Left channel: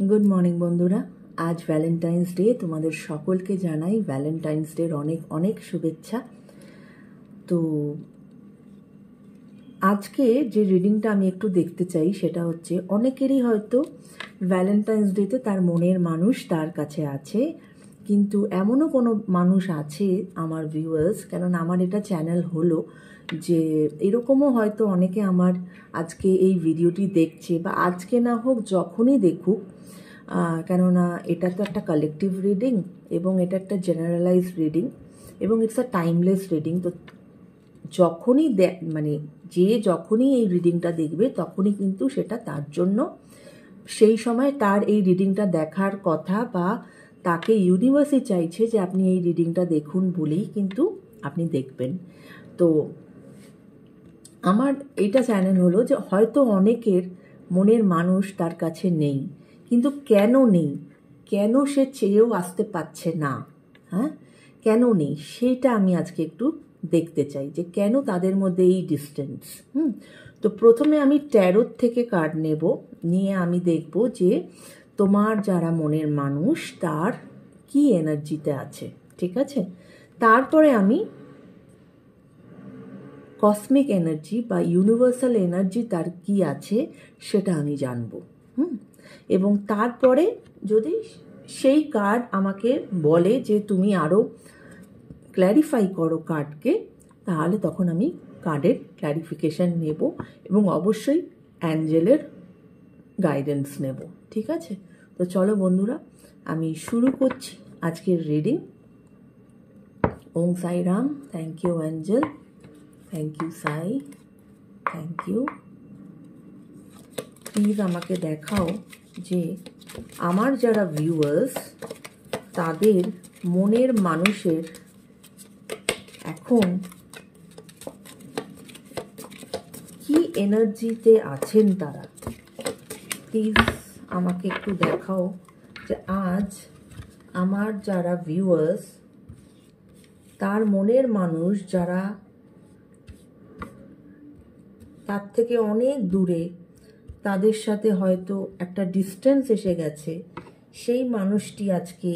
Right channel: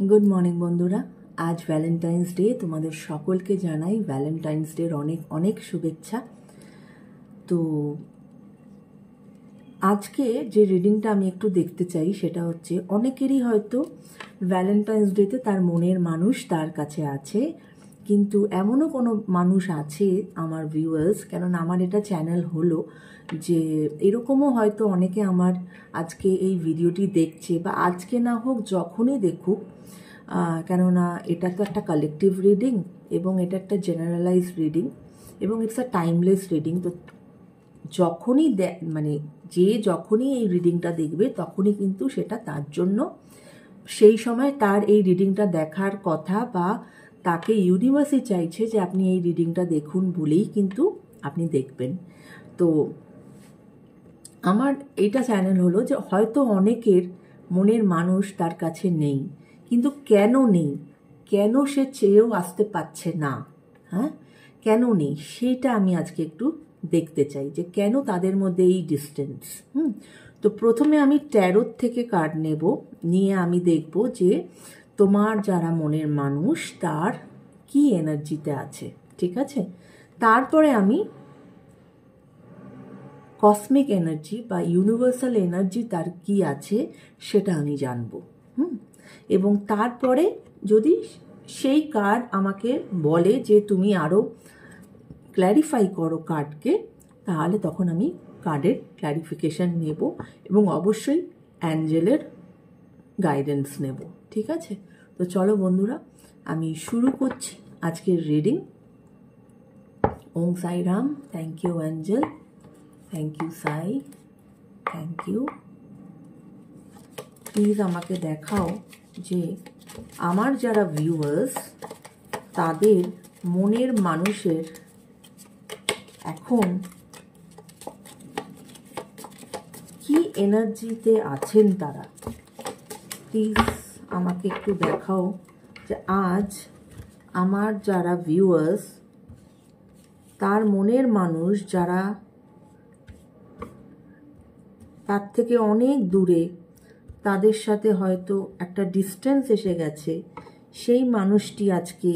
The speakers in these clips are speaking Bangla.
गुड मॉर्निंग बंधुरा आज भैलेंटाइन्स डे तुम्हारे सकल के जानाई भैलेंटाइन्स डे अनेक अनेक शुभेच्छा। तो आज के जे रिडिंगटा आमी एकटू देखते चाই সেটা হচ্ছে অনেকেরই হয়তো ভ্যালেন্টাইন্স ডেতে তার মনের মানুষ তার কাছে আছে, কিন্তু এমনও কোনো মানুষ আছে আমার ভিউয়ার্স, কেননা আমার এটা চ্যানেল হলো যে এরকমও হয়তো অনেকে আমার আজকে এই ভিডিওটি দেখছে বা আজকে না হোক যখনই দেখুক, কেননা এটা তো একটা কালেকটিভ রিডিং এবং এটা একটা জেনারেলাইজ রিডিং এবং ইটস আ টাইমলেস রিডিং। তো যখনই মানে যে যখনই এই রিডিংটা দেখবে তখনই কিন্তু সেটা তার জন্য সেই সময় তার এই রিডিংটা দেখার কথা বা তাকে ইউনিভার্সই চাইছে যে আপনি এই রিডিংটা দেখুন বলেই কিন্তু আপনি দেখবেন। তো আমার এইটা চ্যানেল হলো যে হয়তো অনেকের মনের মানুষ তার কাছে নেই, কিন্তু কেন নেই, কেন সে চেয়েও আসতে পারছে না, হ্যাঁ কেন নেই সেইটা আমি আজকে একটু দেখতে চাই যে কেন তাদের মধ্যে এই ডিস্টেন্স। তো প্রথমে আমি ট্যারোট থেকে কার্ড নেব, নিয়ে আমি দেখব যে তোমার যারা মনের মানুষ তার কি এনার্জিতে আছে, ঠিক আছে। তারপরে আমি কসমিক এনার্জি বা ইউনিভার্সাল এনার্জি তার কি আছে সেটা আমি জানব। এবং তারপরে যদি সেই কার্ড আমাকে বলে যে তুমি আরও ক্ল্যারিফাই করো কার্ডকে, তাহলে তখন আমি কার্ডের ক্ল্যারিফিকেশন নেব এবং অবশ্যই অ্যাঞ্জেলের গাইডেন্স নেব, ঠিক আছে। তো চলো বন্ধুরা, আমি শুরু করছি আজকের reading. Om Sai Ram. Thank you angel, thank you Sai, thank you. Please আমাকে দেখাও যে আমার যারা ভিউয়ার্স তাদের মনের মানুষের এখন কি এনার্জিতে আছেন তারা। প্লিজ আমাকে একটু দেখাও যে আজ আমার যারা ভিউয়ার্স তার মনের মানুষ যারা তার থেকে অনেক দূরে, তাদের সাথে হয়তো একটা ডিস্টেন্স এসে গেছে, সেই মানুষটি আজকে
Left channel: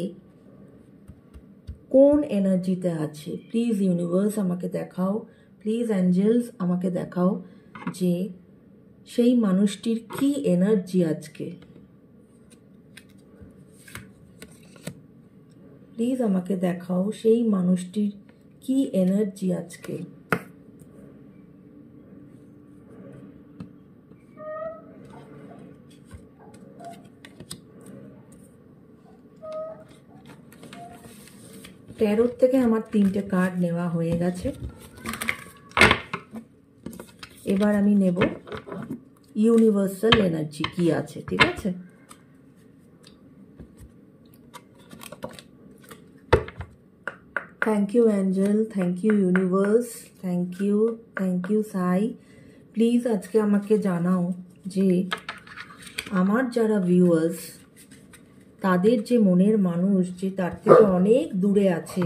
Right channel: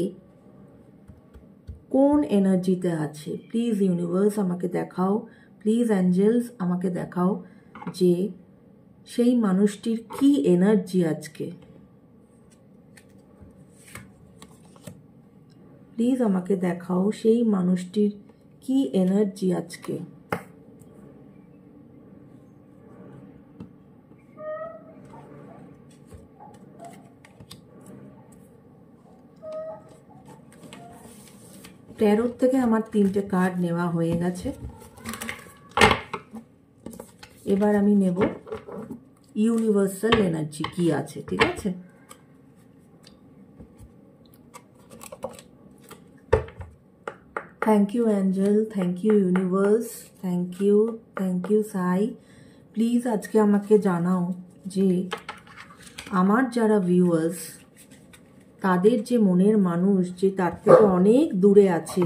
কোন এনার্জিতে আছে। প্লিজ ইউনিভার্স আমাকে দেখাও, প্লিজ অ্যাঞ্জেলস আমাকে দেখাও যে সেই মানুষটির কি এনার্জি আজকে। প্লিজ আমাকে দেখাও সেই মানুষটির কি এনার্জি আজকে। ট্যারোট থেকে আমার 3টে কার্ড নেওয়া হয়ে গেছে, এবার আমি নেব ইউনিভার্সাল এনার্জি কি আছে, ঠিক আছে। Thank you angel, thank you universe, thank you Sai. Please আজকে আমাকে জানাও যে আমার যারা ভিউয়ার্স তাদের যে মনের মানুষ যে তার থেকে অনেক দূরে আছে,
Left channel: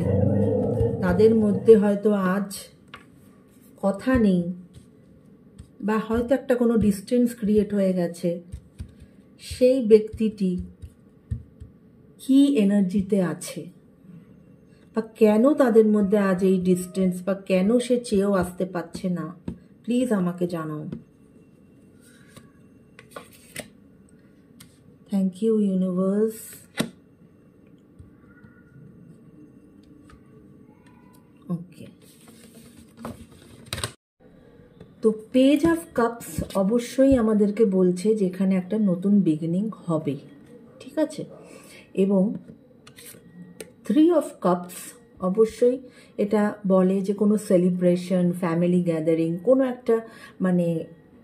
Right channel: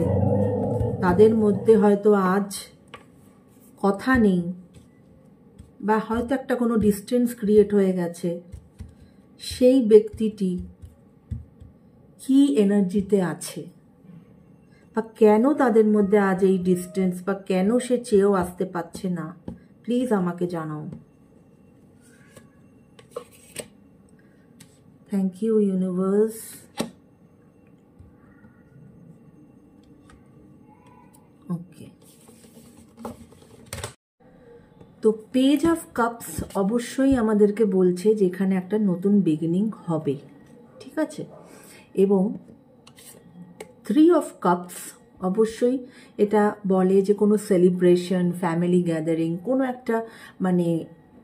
তাদের মধ্যে হয়তো আজ কথা নেই বা হয়তো একটা কোনো ডিস্টেন্স ক্রিয়েট হয়ে গেছে, সেই ব্যক্তিটি কি এনার্জিতে আছে বা কেন তাদের মধ্যে আজ এই ডিস্টেন্স বা কেন সে চেয়েও আসতে পারছে না, প্লিজ আমাকে জানাও। Thank you universe. ওকে, তো পেজ অফ কাপস অবশ্যই আমাদেরকে বলছে যে এখানে একটা নতুন বিগিনিং হবে, ঠিক আছে। এবং 3 অফ কাপস অবশ্যই এটা বলে যে কোনো সেলিব্রেশন, ফ্যামিলি গ্যাদারিং, কোনো একটা মানে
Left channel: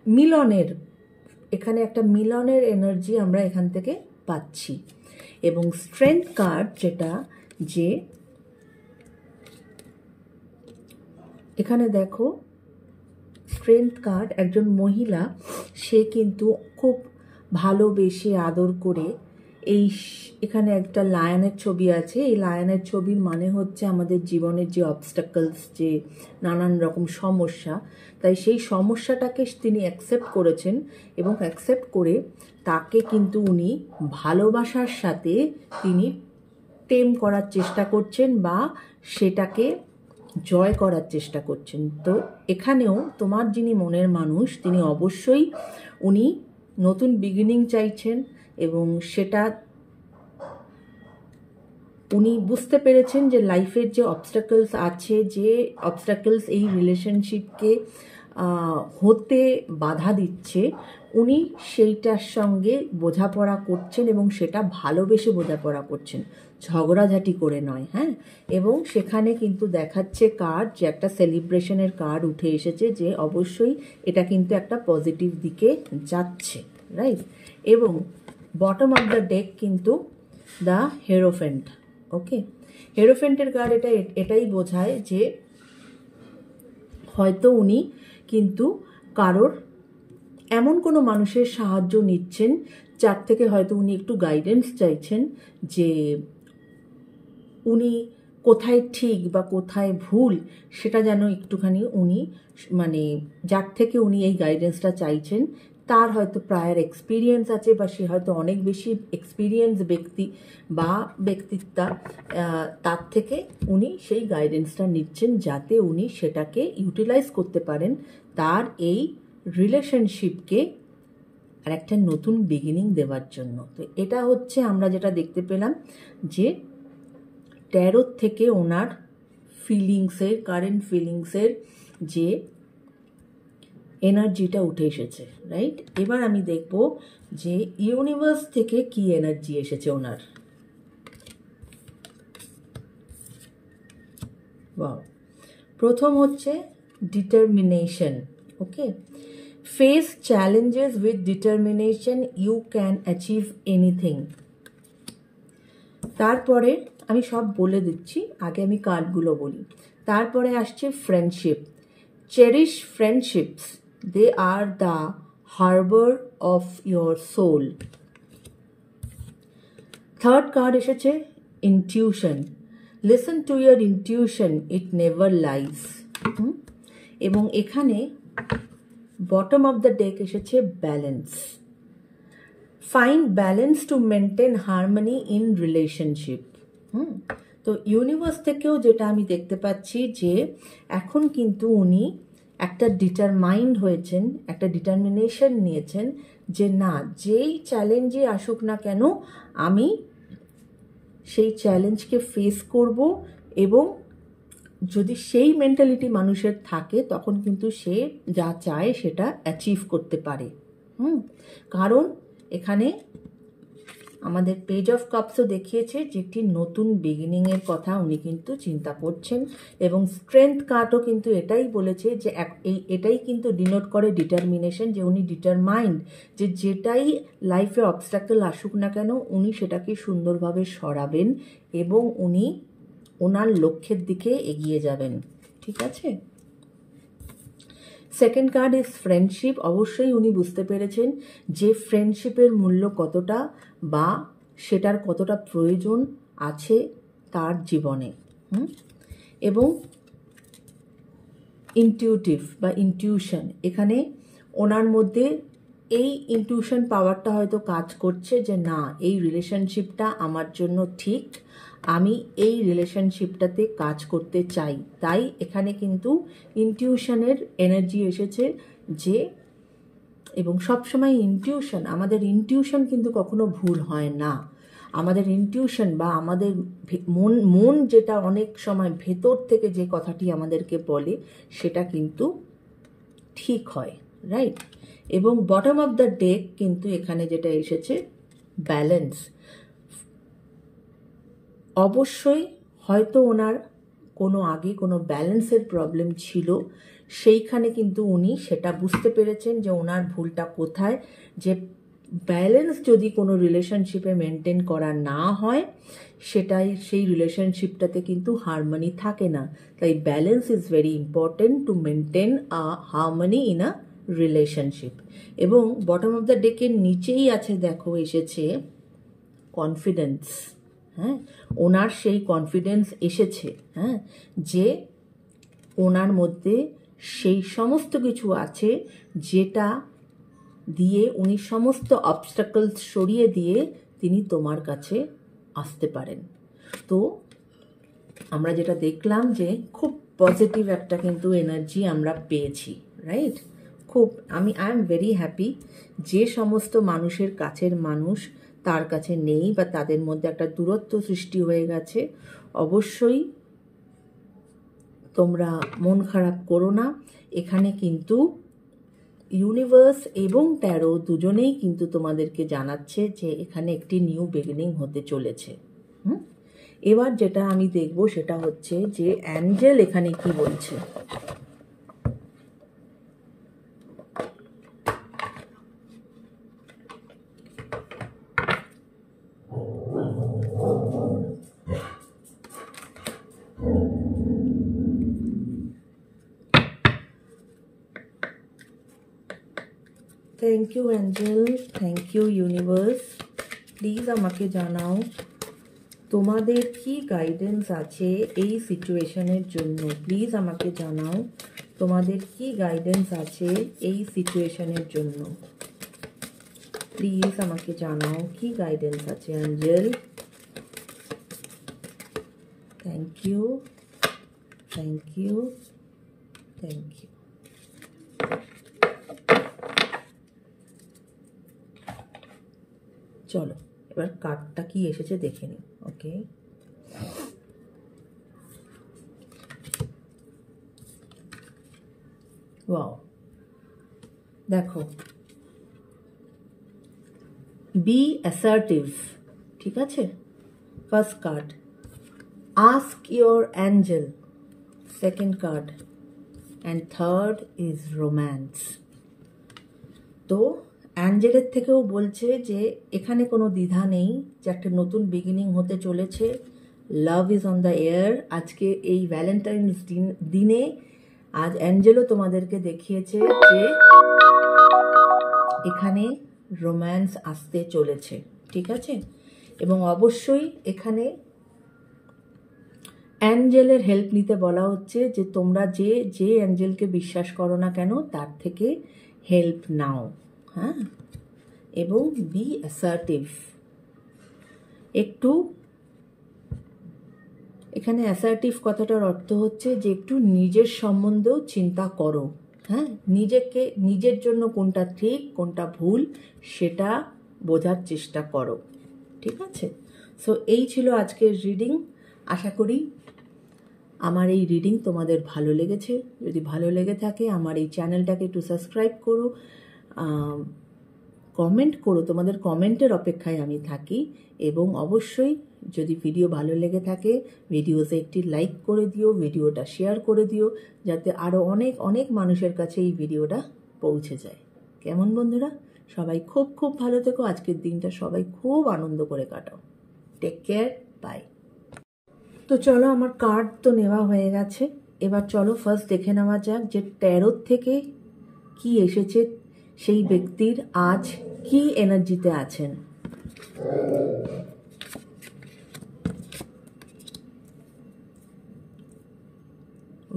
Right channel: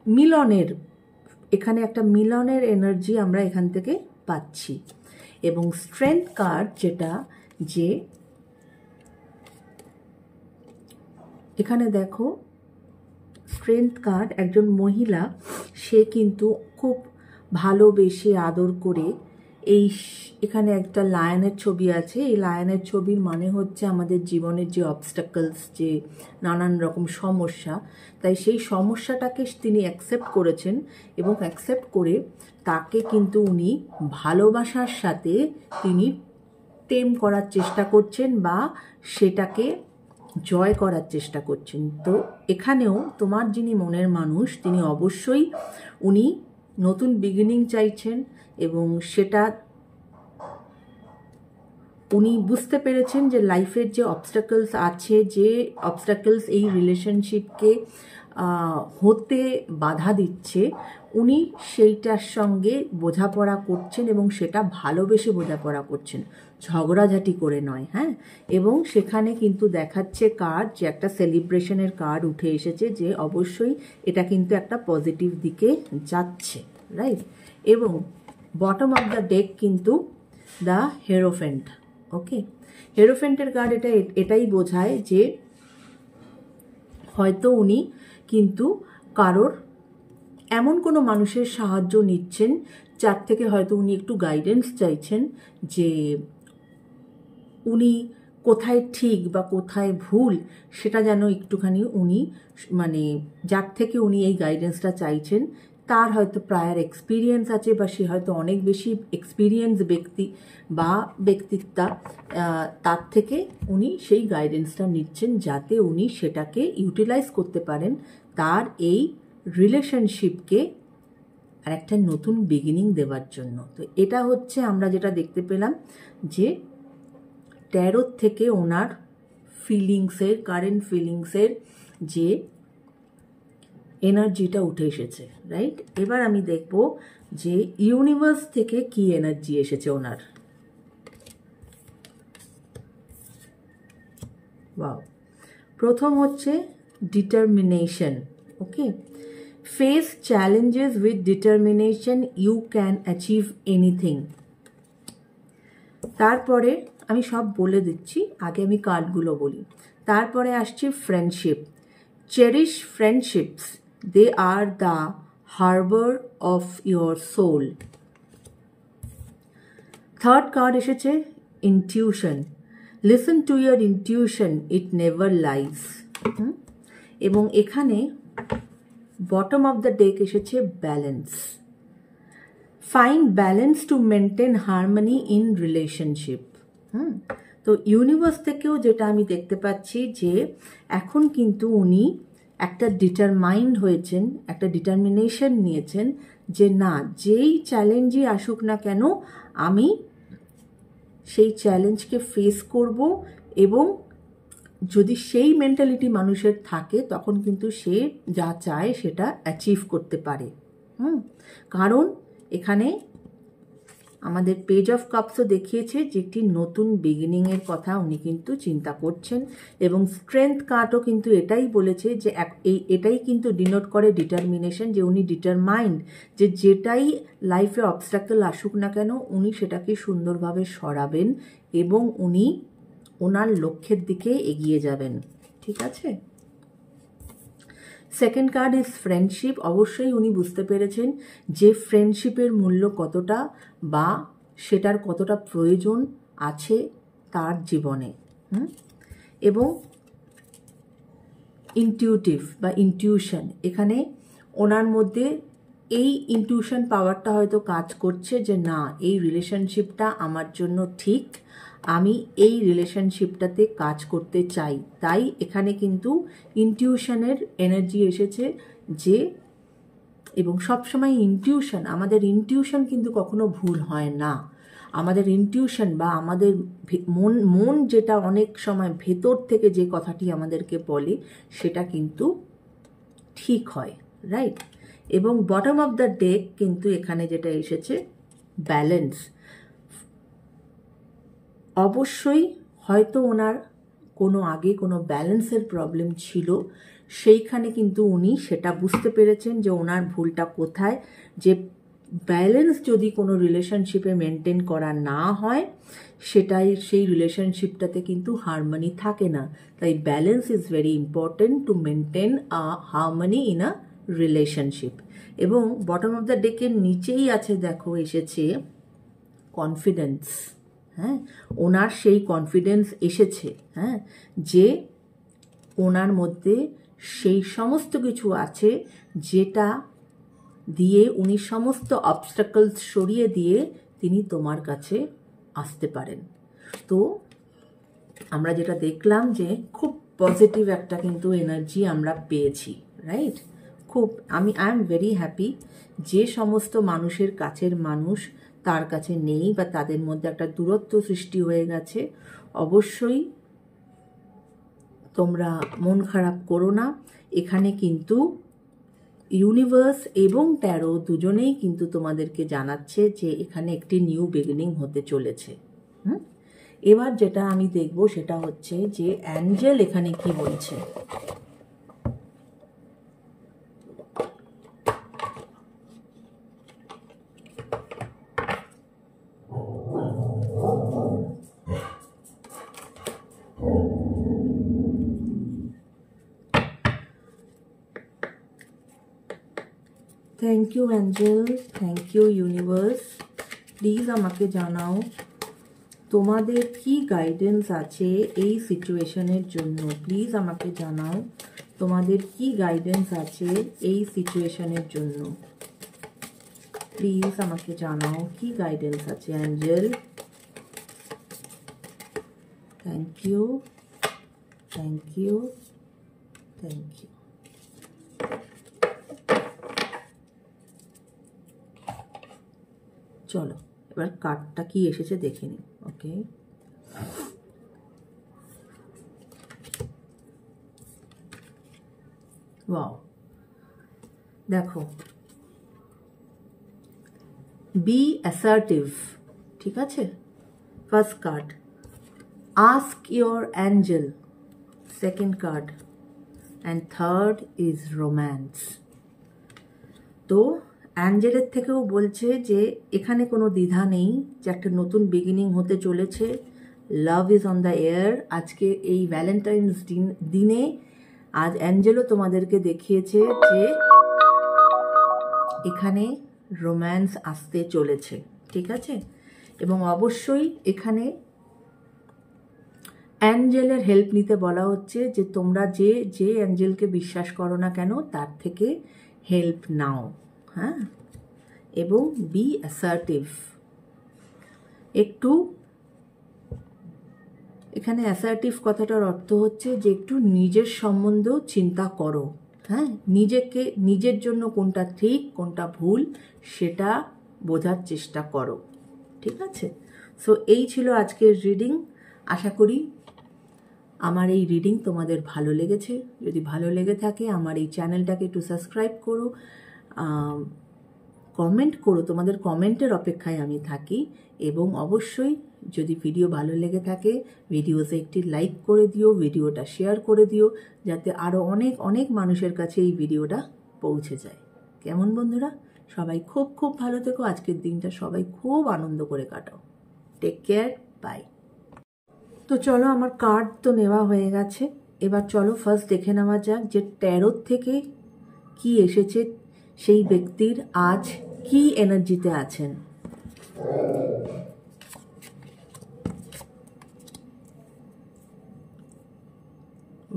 মিলনের, এখানে একটা মিলনের এনার্জি আমরা এখান থেকে পাচ্ছি। এবং স্ট্রেংথ কার্ড যেটা, যে এখানে দেখো স্ট্রেংথ কার্ড, একজন মহিলা সে কিন্তু খুব ভালোবেসে আদর করে এখানে একটা লায়নের ছবি আছে। এই লায়নের ছবির মানে হচ্ছে আমাদের জীবনের যে অবস্টাকলস, যে নানান রকম সমস্যা, তাই সেই সমস্যাটাকে তিনি অ্যাকসেপ্ট করেছেন এবং অ্যাকসেপ্ট করে তাকে কিন্তু উনি ভালোবাসার সাথে তিনি টেম করার চেষ্টা করছেন বা সেটাকে জয় করার চেষ্টা করছেন। তো এখানেও তোমার যিনি মনের মানুষ তিনি অবশ্যই উনি নতুন বিগিনিং চাইছেন এবং সেটা উনি বুঝতে পেরেছেন যে লাইফের যে অবস্টাকলস আছে, যে অবস্টাকলস এই রিলেশনশিপকে হতে বাধা দিচ্ছে, উনি সেইটার সঙ্গে বোঝাপড়া করছেন এবং সেটা ভালোবেসে বোঝাপড়া করছেন, ঝগড়াঝাটি করে নয়। হ্যাঁ, এবং সেখানে কিন্তু দেখাচ্ছে কার্ড, যে একটা সেলিব্রেশনের কার্ড উঠে এসেছে, যে অবশ্যই এটা কিন্তু একটা পজিটিভ দিকে যাচ্ছে, রাইট। এবং বটম অফ দ্য ডেক কিন্তু দ্য হেরোফেন্ট। ওকে, হেরোফেন্টের কার্ড এটাই বোঝায় যে হয়তো উনি কিন্তু কারোর এমন কোনো মানুষের সাহায্য নিচ্ছেন যার থেকে হয়তো উনি একটু গাইডেন্স চাইছেন, যে উনি কোথায় ঠিক বা কোথায় ভুল সেটা যেন একটুখানি উনি মানে যার থেকে উনি এই গাইডেন্সটা চাইছেন তার হয়তো প্রায়র এক্সপিরিয়েন্স আছে, বা সে হয়তো অনেক বেশি এক্সপিরিয়েন্স ব্যক্তি বা ব্যক্তিত্বা, তার থেকে উনি সেই গাইডেন্সটা নিচ্ছেন যাতে উনি সেটাকে ইউটিলাইজ করতে পারেন তার এই রিলেশনশিপকে আর একটা নতুন বিগিনিং দেওয়ার জন্য। তো এটা হচ্ছে আমরা যেটা দেখতে পেলাম, যে ট্যারোর থেকে ওনার ফিলিংসের, কারেন্ট ফিলিংসের যে এনার্জিটা উঠে এসেছে, রাইট। এবার আমি দেখব যে ইউনিভার্স থেকে কি এনার্জি এসেছে ওনার। ওয়াও, প্রথম হচ্ছে determination. Okay, face challenges with determination, you can achieve anything. তারপরে আমি সব বলে দিচ্ছি, আগে আমি কার্ডগুলো বলি। তারপরে আসছে friendship, cherish friendships, they are the harbour of your soul. Third card এসেছে intuition, listen to your intuition, it never lies. এবং এখানে বটম অফ দ্য ডেক এসেছে balance, find balance to maintain harmony in relationship. তো ইউনিভার্স থেকেও যেটা আমি দেখতে পাচ্ছি, যে এখন কিন্তু উনি একটা ডিটারমাইন্ড হয়েছেন, একটা ডিটারমিনেশন নিয়েছেন, যে না, যেই চ্যালেঞ্জই আসুক না কেন আমি সেই চ্যালেঞ্জকে ফেস করব, এবং যদি সেই মেন্টালিটি মানুষের থাকে তখন কিন্তু সে যা চায় সেটা অ্যাচিভ করতে পারে। কারণ এখানে আমাদের পেজ অফ কাপসও দেখিয়েছে যে একটি নতুন বিগিনিংয়ের কথা উনি কিন্তু চিন্তা করছেন, এবং স্ট্রেংথ কার্ডও কিন্তু এটাই বলেছে যে এটাই কিন্তু ডিনোট করে ডিটারমিনেশন, যে উনি ডিটারমাইন্ড যে যেটাই লাইফে অবস্ট্যাকল আসুক না কেন উনি সেটাকে সুন্দরভাবে সরাবেন এবং উনি ওনার লক্ষ্যের দিকে এগিয়ে যাবেন। ঠিক আছে, সেকেন্ড কার্ড ইজ ফ্রেন্ডশিপ। অবশ্যই উনি বুঝতে পেরেছেন যে ফ্রেন্ডশিপের মূল্য কতটা বা সেটার কতটা প্রয়োজন আছে তার জীবনে। এবং ইনটিউটিভ বা ইনটিউশন, এখানে ওনার মধ্যে এই ইনটিউশন পাওয়ারটা হয়তো কাজ করছে যে না, এই রিলেশনশিপটা আমার জন্য ঠিক, আমি এই রিলেশনশিপটাতে কাজ করতে চাই। তাই এখানে কিন্তু ইনটিউশনের এনার্জি এসেছে, যে এবং সবসময় ইনটিউশন, আমাদের ইনটিউশন কিন্তু কখনো ভুল হয় না। আমাদের ইনটিউশন বা আমাদের মন যেটা অনেক সময় ভেতর থেকে যে কথাটি আমাদেরকে বলে সেটা কিন্তু ঠিক হয়, রাইট। এবং বটম অফ দ্য ডেক কিন্তু এখানে যেটা এসেছে ব্যালেন্স। অবশ্যই হয়তো ওনার কোনো আগে কোনো ব্যালেন্সের প্রবলেম ছিল, সেইখানে কিন্তু উনি সেটা বুঝতে পেরেছেন যে ওনার ভুলটা কোথায়, যে ব্যালেন্স যদি কোনো রিলেশনশিপে মেনটেন করা না হয় সেটাই সেই রিলেশনশিপটাতে কিন্তু হারমোনি থাকে না। তাই balance is very important to maintain a harmony in a relationship. এবং বটম অফ দ্য ডেকের নিচেই আছে, দেখো এসেছে কনফিডেন্স, হ্যাঁ, ওনার সেই কনফিডেন্স এসেছে, হ্যাঁ, যে ওনার মধ্যে সেই সমস্ত কিছু আছে যেটা দিয়ে উনি সমস্ত অবস্টাকলস সরিয়ে দিয়ে তিনি তোমার কাছে আসতে পারেন। তো আমরা যেটা দেখলাম যে খুব পজিটিভ একটা কিন্তু এনার্জি আমরা পেয়েছি, রাইট? খুব আই এম ভেরি হ্যাপি। যে সমস্ত মানুষের কাছের মানুষ তার কাছে নেই বা তাদের মধ্যে একটা দূরত্ব সৃষ্টি হয়ে গেছে, অবশ্যই তোমরা মন খারাপ করো না। এখানে কিন্তু ইউনিভার্স এবং ট্যারো দুজনেই কিন্তু তোমাদেরকে জানাচ্ছে যে এখানে একটি নিউ বিগিনিং হতে চলেছে। এবার যেটা আমি দেখব সেটা হচ্ছে যে অ্যাঞ্জেল এখানে কি বলছে। Thank you angel, thank you universe. Please আমাকে জানাও তোমাদের কি গাইডেন্স আছে এই সিচুয়েশনের জন্য। প্লিজ আমাকে জানাও তোমাদের কি গাইডেন্স আছে এই সিচুয়েশনের জন্য। প্লিজ আমাকে জানাও কি গাইডেন্স আছে angel. Thank you, thank you, thank you. চলো এবার কার্ডটা কি এসেছে দেখে নিই। ওকে, ওয়াও, দেখো, বি অ্যাসার্টিভ, ঠিক আছে, first card. Ask your angel, second card, and third is romance. তো অ্যাঞ্জেলের থেকেও বলছে যে এখানে কোনো দ্বিধা নেই, যে একটা নতুন বিগিনিং হতে চলেছে। Love is on the air. আজকে এই ভ্যালেন্টাইন্স দিনে আজ অ্যাঞ্জেলও তোমাদেরকে দেখিয়েছে যে এখানে রোম্যান্স আসতে চলেছে, ঠিক আছে। এবং অবশ্যই এখানে অ্যাঞ্জেলের হেল্প নিতে বলা হচ্ছে যে তোমরা যে অ্যাঞ্জেলকে বিশ্বাস করো না কেন তার থেকে হেল্প নাও, হ্যাঁ, এবং বি অ্যাসার্টিভ। একটু এখানে অ্যাসার্টিভ কথাটার অর্থ হচ্ছে যে একটু নিজের সম্বন্ধেও চিন্তা করো, হ্যাঁ, নিজের জন্য কোনটা ঠিক কোনটা ভুল সেটা বোঝার চেষ্টা করো, ঠিক আছে। সো এই ছিল আজকের রিডিং। আশা করি আমার এই রিডিং তোমাদের ভালো লেগেছে। যদি ভালো লেগে থাকে আমার এই চ্যানেলটাকে একটু সাবস্ক্রাইব করো, কমেন্ট করো, তোমাদের কমেন্টের অপেক্ষায় আমি থাকি। এবং অবশ্যই যদি ভিডিও ভালো লেগে থাকে ভিডিওতে একটি লাইক করে দিও, ভিডিওটা শেয়ার করে দিও, যাতে আরও অনেক অনেক মানুষের কাছে এই ভিডিওটা পৌঁছে যায়। কেমন বন্ধুরা? সবাই খুব খুব ভালো থেকো। আজকের দিনটা সবাই খুব আনন্দ করে কাটাও। Take care, bye. তো চলো, আমার কার্ড তো নেওয়া হয়ে গেছে। এবার চলো ফার্স্ট দেখে নেওয়া যাক যে ট্যারোর থেকে কি এসেছে, সেই ব্যক্তির আজ কি এনার্জিতে আছেন।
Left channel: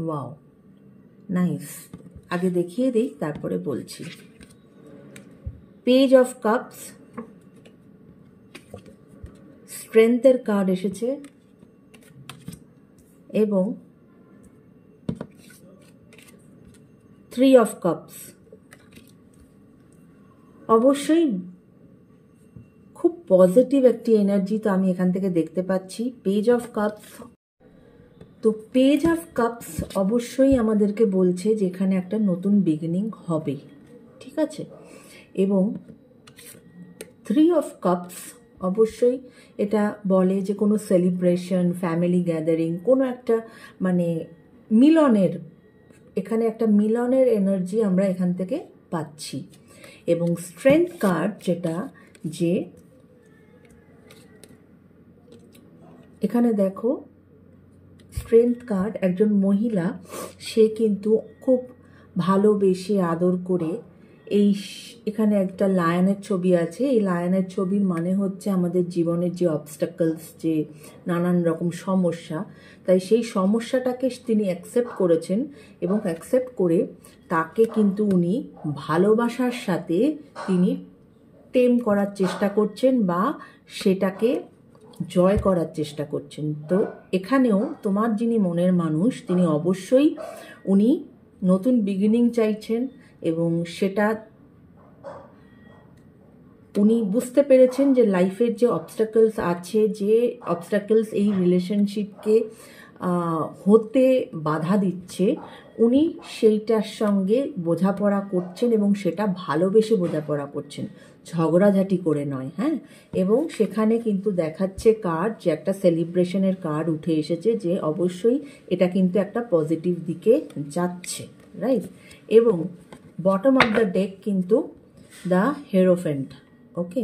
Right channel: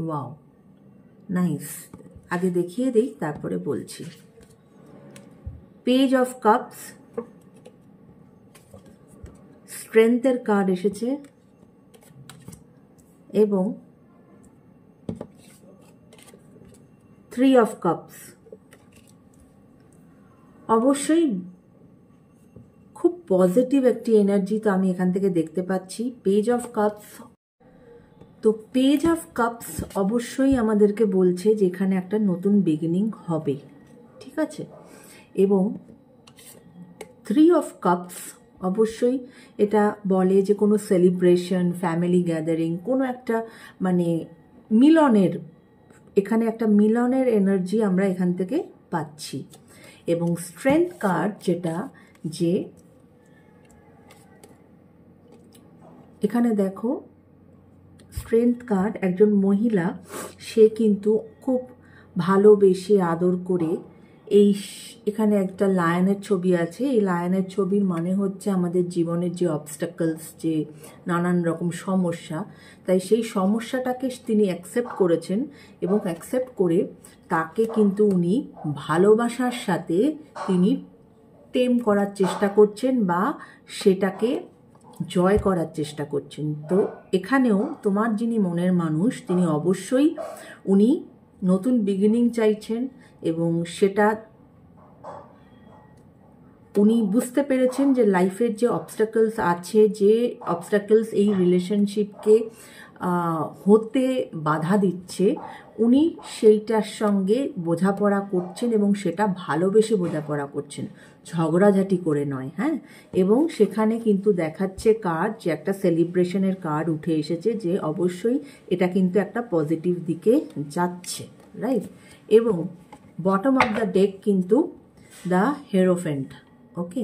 Wow, nice. আগে দেখিয়ে দিই তারপরে বলছি। পেজ অফ কাপস, স্ট্রেংথের কার্ড এসেছে এবং 3 অফ কাপস। অবশ্যই খুব পজিটিভ একটি এনার্জি তো আমি এখান থেকে দেখতে পাচ্ছি। পেজ অফ কাপস, তো পেজ অফ কাপস অবশ্যই আমাদেরকে বলছে যে এখানে একটা নতুন বিগিনিং হবে, ঠিক আছে। এবং 3 অফ কাপস অবশ্যই এটা বলে যে কোনো সেলিব্রেশন, ফ্যামিলি গ্যাদারিং, কোনো একটা মানে মিলনের, এখানে একটা মিলনের এনার্জি আমরা এখান থেকে পাচ্ছি। এবং স্ট্রেংথ কার্ড যেটা, যে এখানে দেখো স্ট্রেংথ কার্ড, একজন মহিলা সে কিন্তু খুব ভালোবেসে আদর করে এখানে একটা লায়নের ছবি আছে। এই লায়নের ছবির মানে হচ্ছে আমাদের জীবনের যে অবস্টাকলস, যে নানান রকম সমস্যা, তাই সেই সমস্যাটাকে তিনি অ্যাকসেপ্ট করেছেন এবং অ্যাকসেপ্ট করে তাকে কিন্তু উনি ভালোবাসার সাথে তিনি টেম করার চেষ্টা করছেন বা সেটাকে জয় করার চেষ্টা করছেন। তো এখানেও তোমার যিনি মনের মানুষ তিনি অবশ্যই উনি নতুন বিগিনিং চাইছেন এবং সেটা উনি বুঝতে পেরেছেন যে লাইফের যে অবস্টাকলস আছে, যে অবস্টাকলস এই রিলেশনশিপকে হতে বাধা দিচ্ছে, উনি সেইটার সঙ্গে বোঝাপড়া করছেন এবং সেটা ভালোবেসে বোঝাপড়া করছেন, ঝগড়াঝাটি করে নয়। হ্যাঁ, এবং সেখানে কিন্তু দেখাচ্ছে কার্ড, যে একটা সেলিব্রেশনের কার্ড উঠে এসেছে, যে অবশ্যই এটা কিন্তু একটা পজিটিভ দিকে যাচ্ছে, রাইট। এবং বটম অফ দ্য ডেক কিন্তু দ্য হেরোফেন্ট। ওকে,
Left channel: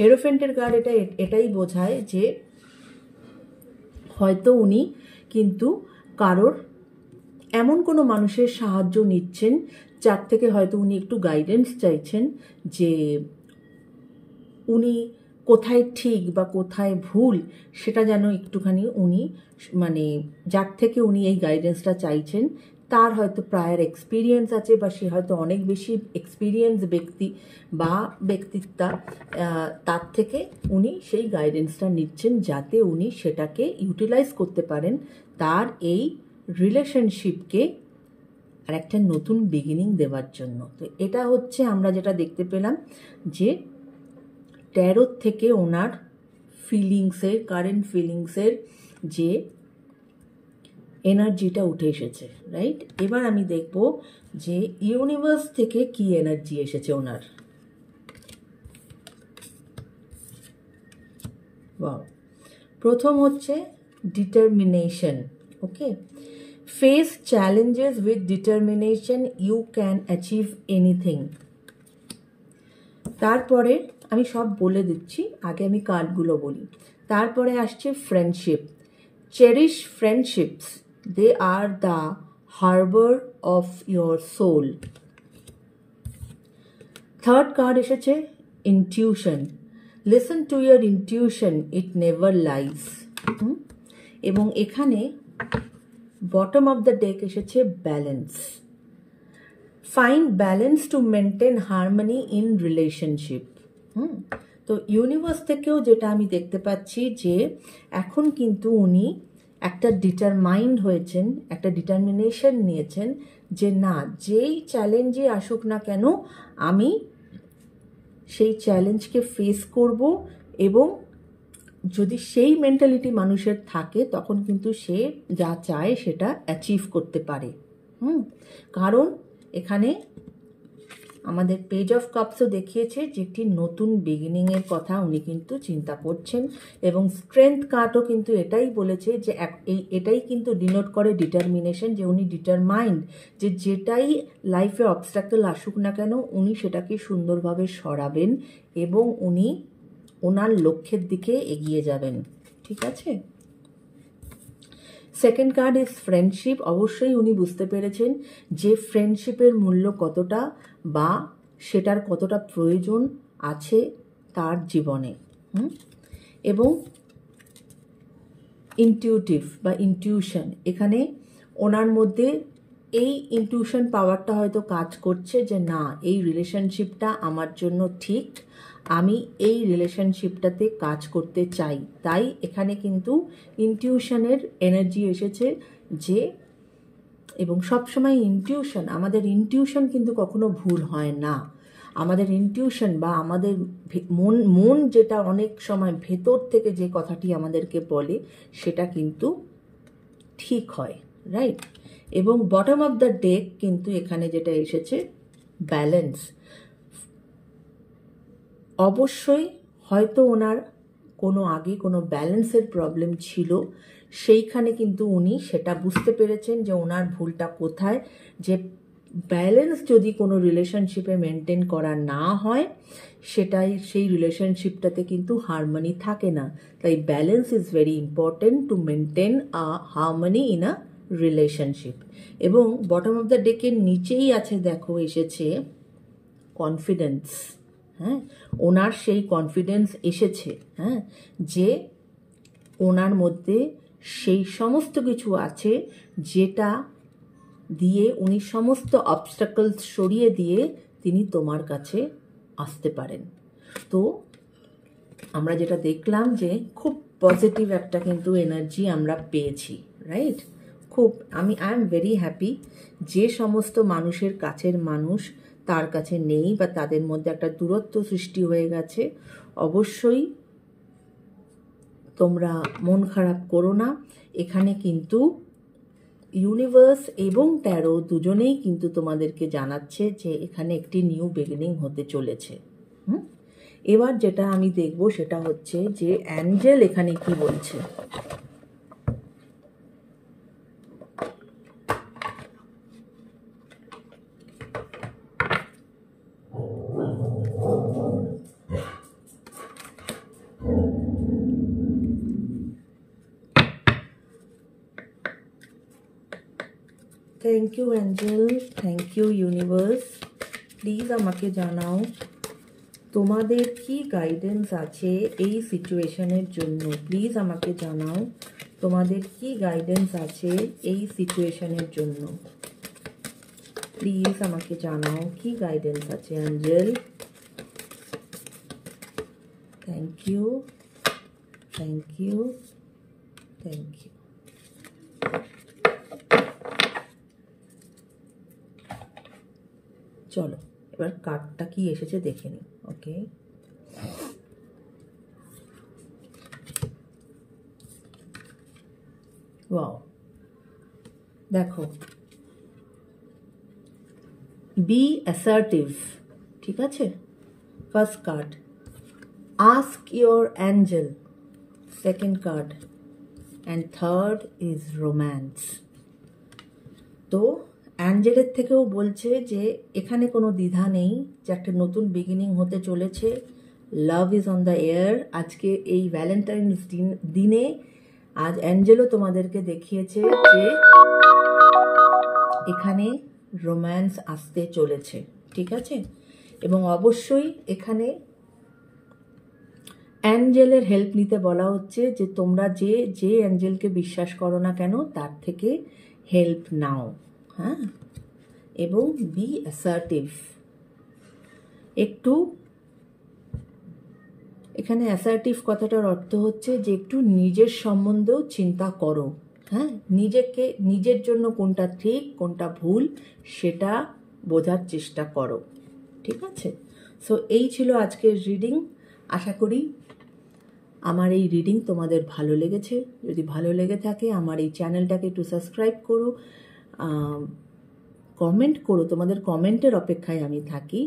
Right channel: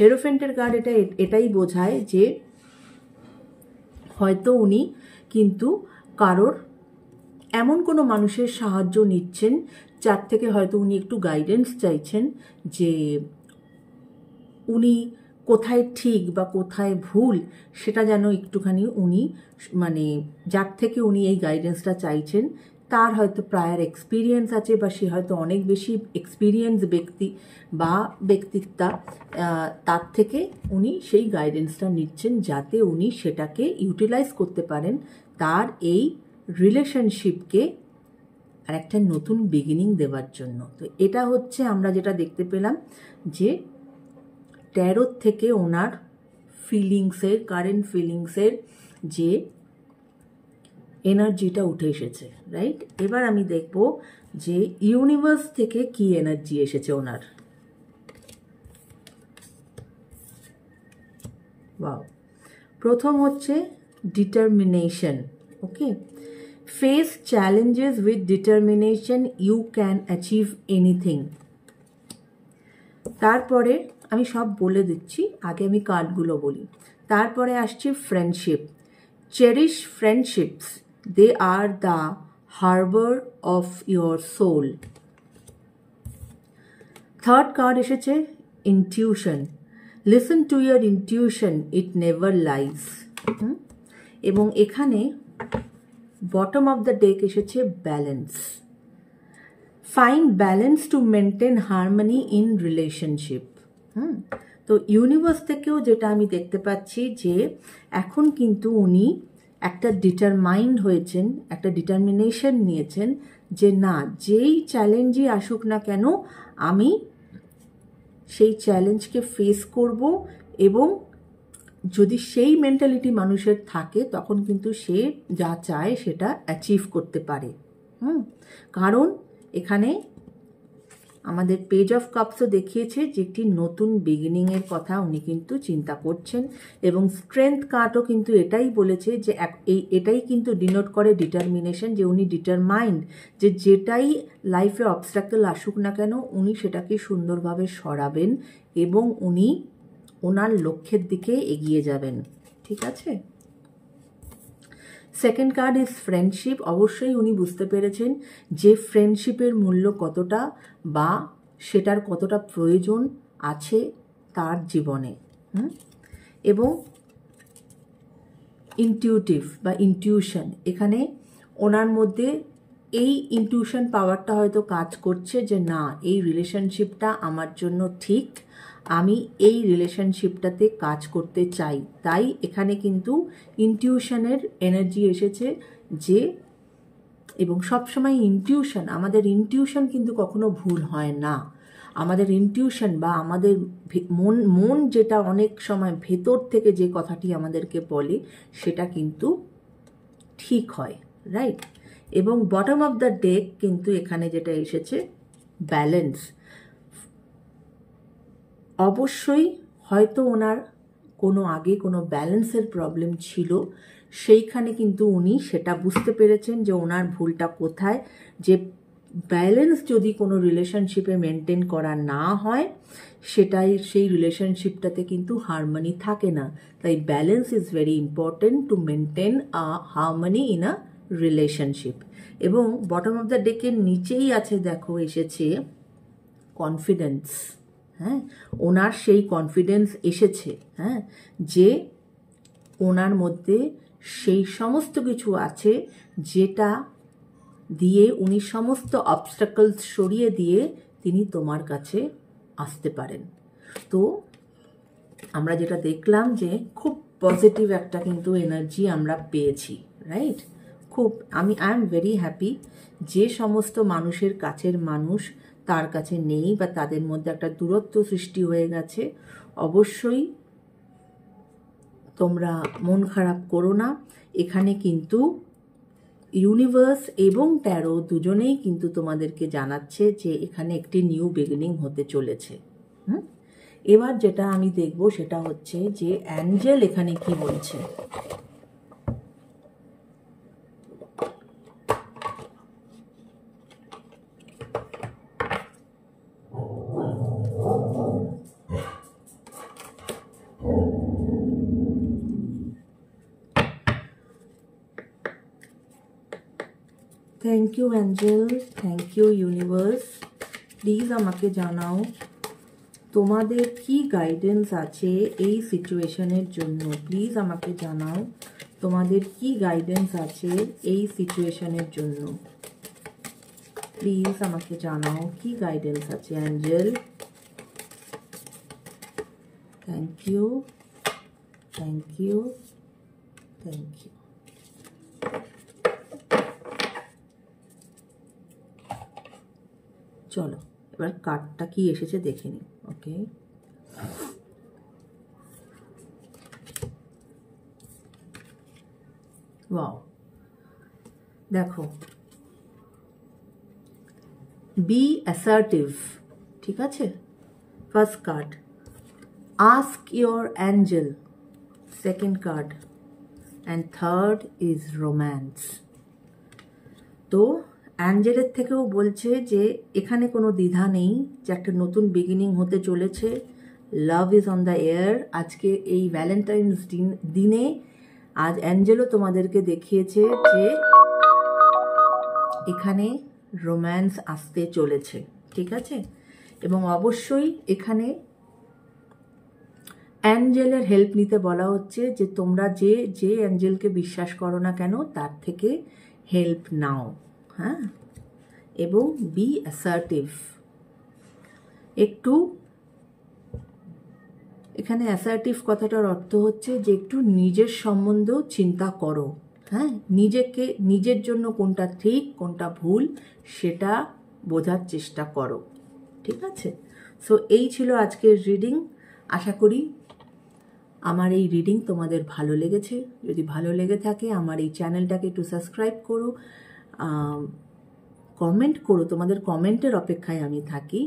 হেরোফেন্টের কার্ড এটাই বোঝায় যে হয়তো উনি কিন্তু কারোর এমন কোনো মানুষের সাহায্য নিচ্ছেন যার থেকে হয়তো উনি একটু গাইডেন্স চাইছেন, যে উনি কোথায় ঠিক বা কোথায় ভুল সেটা যেন একটুখানি উনি মানে যার থেকে উনি এই গাইডেন্সটা চাইছেন তার হয়তো প্রায়র এক্সপিরিয়েন্স আছে, বা সে হয়তো অনেক বেশি এক্সপিরিয়েন্স ব্যক্তি বা ব্যক্তিত্বা, তার থেকে উনি সেই গাইডেন্সটা নিচ্ছেন যাতে উনি সেটাকে ইউটিলাইজ করতে পারেন তার এই রিলেশনশিপকে আর একটা নতুন বিগিনিং দেওয়ার জন্য। তো এটা হচ্ছে আমরা যেটা দেখতে পেলাম, যে ট্যারোর থেকে ওনার ফিলিংসের, কারেন্ট ফিলিংসের যে এনার্জিটা উঠে এসেছে, রাইট। এবার আমি দেখব যে ইউনিভার্স থেকে কি এনার্জি এসেছে ওনার। ওয়াও, প্রথম হচ্ছে determination. Okay, face challenges with determination, you can achieve anything. তারপরে আমি সব বলে দিচ্ছি, আগে আমি কার্ডগুলো বলি। তারপরে আসছে friendship, cherish friendships, they are the harbour of your soul. Third card এসেছে intuition, listen to your intuition, it never lies. এবং এখানে বটম অফ দ্য ডেক এসেছে balance, find balance to maintain harmony in relationship. তো ইউনিভার্স থেকেও যেটা আমি দেখতে পাচ্ছি, যে এখন কিন্তু উনি একটা ডিটারমাইন্ড হয়েছেন, একটা ডিটারমিনেশন নিয়েছেন, যে না, যেই চ্যালেঞ্জই আসুক না কেন আমি সেই চ্যালেঞ্জকে ফেস করব, এবং যদি সেই মেন্টালিটি মানুষের থাকে তখন কিন্তু সে যা চায় সেটা অ্যাচিভ করতে পারে। কারণ এখানে আমাদের পেজ অফ কাপসও দেখিয়েছে যে একটি নতুন বিগিনিংয়ের কথা উনি কিন্তু চিন্তা করছেন, এবং স্ট্রেংথ কার্ডও কিন্তু এটাই বলেছে, যে এটাই কিন্তু ডিনোট করে ডিটারমিনেশন, যে উনি ডিটারমাইন্ড, যে যেটাই লাইফে অবস্ট্যাকল আসুক না কেন উনি সেটাকে সুন্দরভাবে সরাবেন এবং উনি ওনার লক্ষ্যের দিকে এগিয়ে যাবেন। ঠিক আছে, সেকেন্ড কার্ড ইজ ফ্রেন্ডশিপ। অবশ্যই উনি বুঝতে পেরেছেন যে ফ্রেন্ডশিপের মূল্য কতটা বা সেটার কতটা প্রয়োজন আছে তার জীবনে। এবং ইনটিউটিভ বা ইনটিউশন, এখানে ওনার মধ্যে এই ইনটিউশন পাওয়ারটা হয়তো কাজ করছে, যে না, এই রিলেশনশিপটা আমার জন্য ঠিক, আমি এই রিলেশনশিপটাতে কাজ করতে চাই। তাই এখানে কিন্তু ইনটিউশনের এনার্জি এসেছে, যে এবং সবসময় ইনটিউশন, আমাদের ইনটিউশন কিন্তু কখনো ভুল হয় না। আমাদের ইনটিউশন বা আমাদের মন যেটা অনেক সময় ভেতর থেকে যে কথাটি আমাদেরকে বলে সেটা কিন্তু ঠিক হয়, রাইট। এবং বটম অফ দ্য ডেক কিন্তু এখানে যেটা এসেছে ব্যালেন্স। অবশ্যই হয়তো ওনার কোনো আগে কোনো ব্যালেন্সের প্রবলেম ছিল, সেইখানে কিন্তু উনি সেটা বুঝতে পেরেছেন যে ওনার ভুলটা কোথায়, যে ব্যালেন্স যদি কোনো রিলেশনশিপে মেনটেন করা না হয় সেটাই সেই রিলেশনশিপটাতে কিন্তু হারমোনি থাকে না। তাই balance is very important to maintain a harmony in a relationship. এবং বটম অফ দ্য ডেকের নিচেই আছে, দেখো এসেছে কনফিডেন্স, হ্যাঁ, ওনার সেই কনফিডেন্স এসেছে, হ্যাঁ, যে ওনার মধ্যে সেই সমস্ত কিছু আছে যেটা দিয়ে উনি সমস্ত অবস্টাকলস সরিয়ে দিয়ে তিনি তোমার কাছে আসতে পারেন। তো আমরা যেটা দেখলাম যে খুব পজিটিভ একটা কিন্তু এনার্জি আমরা পেয়েছি, রাইট? খুব আই এম ভেরি হ্যাপি। যে সমস্ত মানুষের কাছের মানুষ তার কাছে নেই বা তাদের মধ্যে একটা দূরত্ব সৃষ্টি হয়ে গেছে, অবশ্যই তোমরা মন খারাপ করো না। এখানে কিন্তু ইউনিভার্স এবং ট্যারো দুজনেই কিন্তু তোমাদেরকে জানাচ্ছে যে এখানে একটি নিউ বিগিনিং হতে চলেছে। এবার যেটা আমি দেখব সেটা হচ্ছে যে অ্যাঞ্জেল এখানে কি বলছে। Thank you angel, thank you universe. Please আমাকে জানাও তোমাদের কি গাইডেন্স আছে এই সিচুয়েশনের জন্য। প্লিজ আমাকে জানাও তোমাদের কি গাইডেন্স আছে এই সিচুয়েশনের জন্য। প্লিজ আমাকে জানাও কি গাইডেন্স আছে angel. Thank you, thank you, thank you. চলো এবার কার্ডটা কি এসেছে দেখে নিই। ওকে, ওয়াও, দেখো, বি অ্যাসার্টিভ, ঠিক আছে, first card. Ask your angel, second card, and third is romance. তো অ্যাঞ্জেলের থেকেও বলছে যে এখানে কোনো দ্বিধা নেই, যে একটা নতুন বিগিনিং হতে চলেছে। Love is on the air. আজকে এই ভ্যালেন্টাইন্স দিনে আজ অ্যাঞ্জেলও তোমাদেরকে দেখিয়েছে যে এখানে রোম্যান্স আসতে চলেছে, ঠিক আছে। এবং অবশ্যই এখানে অ্যাঞ্জেলের হেল্প নিতে বলা হচ্ছে যে তোমরা যে অ্যাঞ্জেলকে বিশ্বাস করো না কেন তার থেকে হেল্প নাও, হ্যাঁ। এবং বি অ্যাসার্টিভ। একটু এখানে অ্যাসার্টিভ কথাটার অর্থ হচ্ছে যে একটু নিজের সম্বন্ধেও চিন্তা করো, হ্যাঁ, নিজের জন্য কোনটা ঠিক কোনটা ভুল সেটা বোঝার চেষ্টা করো, ঠিক আছে। সো এই ছিল আজকের রিডিং। আশা করি আমার এই রিডিং তোমাদের ভালো লেগেছে। যদি ভালো লেগে থাকে আমার এই চ্যানেলটাকে একটু সাবস্ক্রাইব করো, কমেন্ট করো, তোমাদের কমেন্টের অপেক্ষায় আমি থাকি।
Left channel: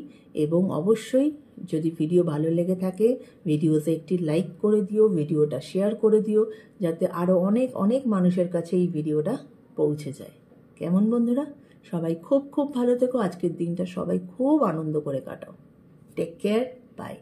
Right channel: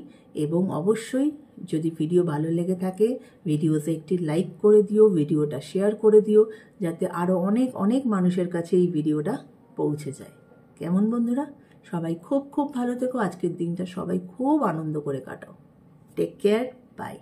এবং অবশ্যই যদি ভিডিও ভালো লেগে থাকে ভিডিওতে একটি লাইক করে দিও, ভিডিওটা শেয়ার করে দিও, যাতে আরও অনেক অনেক মানুষের কাছে এই ভিডিওটা পৌঁছে যায়। কেমন বন্ধুরা? সবাই খুব খুব ভালো থেকো। আজকের দিনটা সবাই খুব আনন্দ করে কাটাও। Take care, by.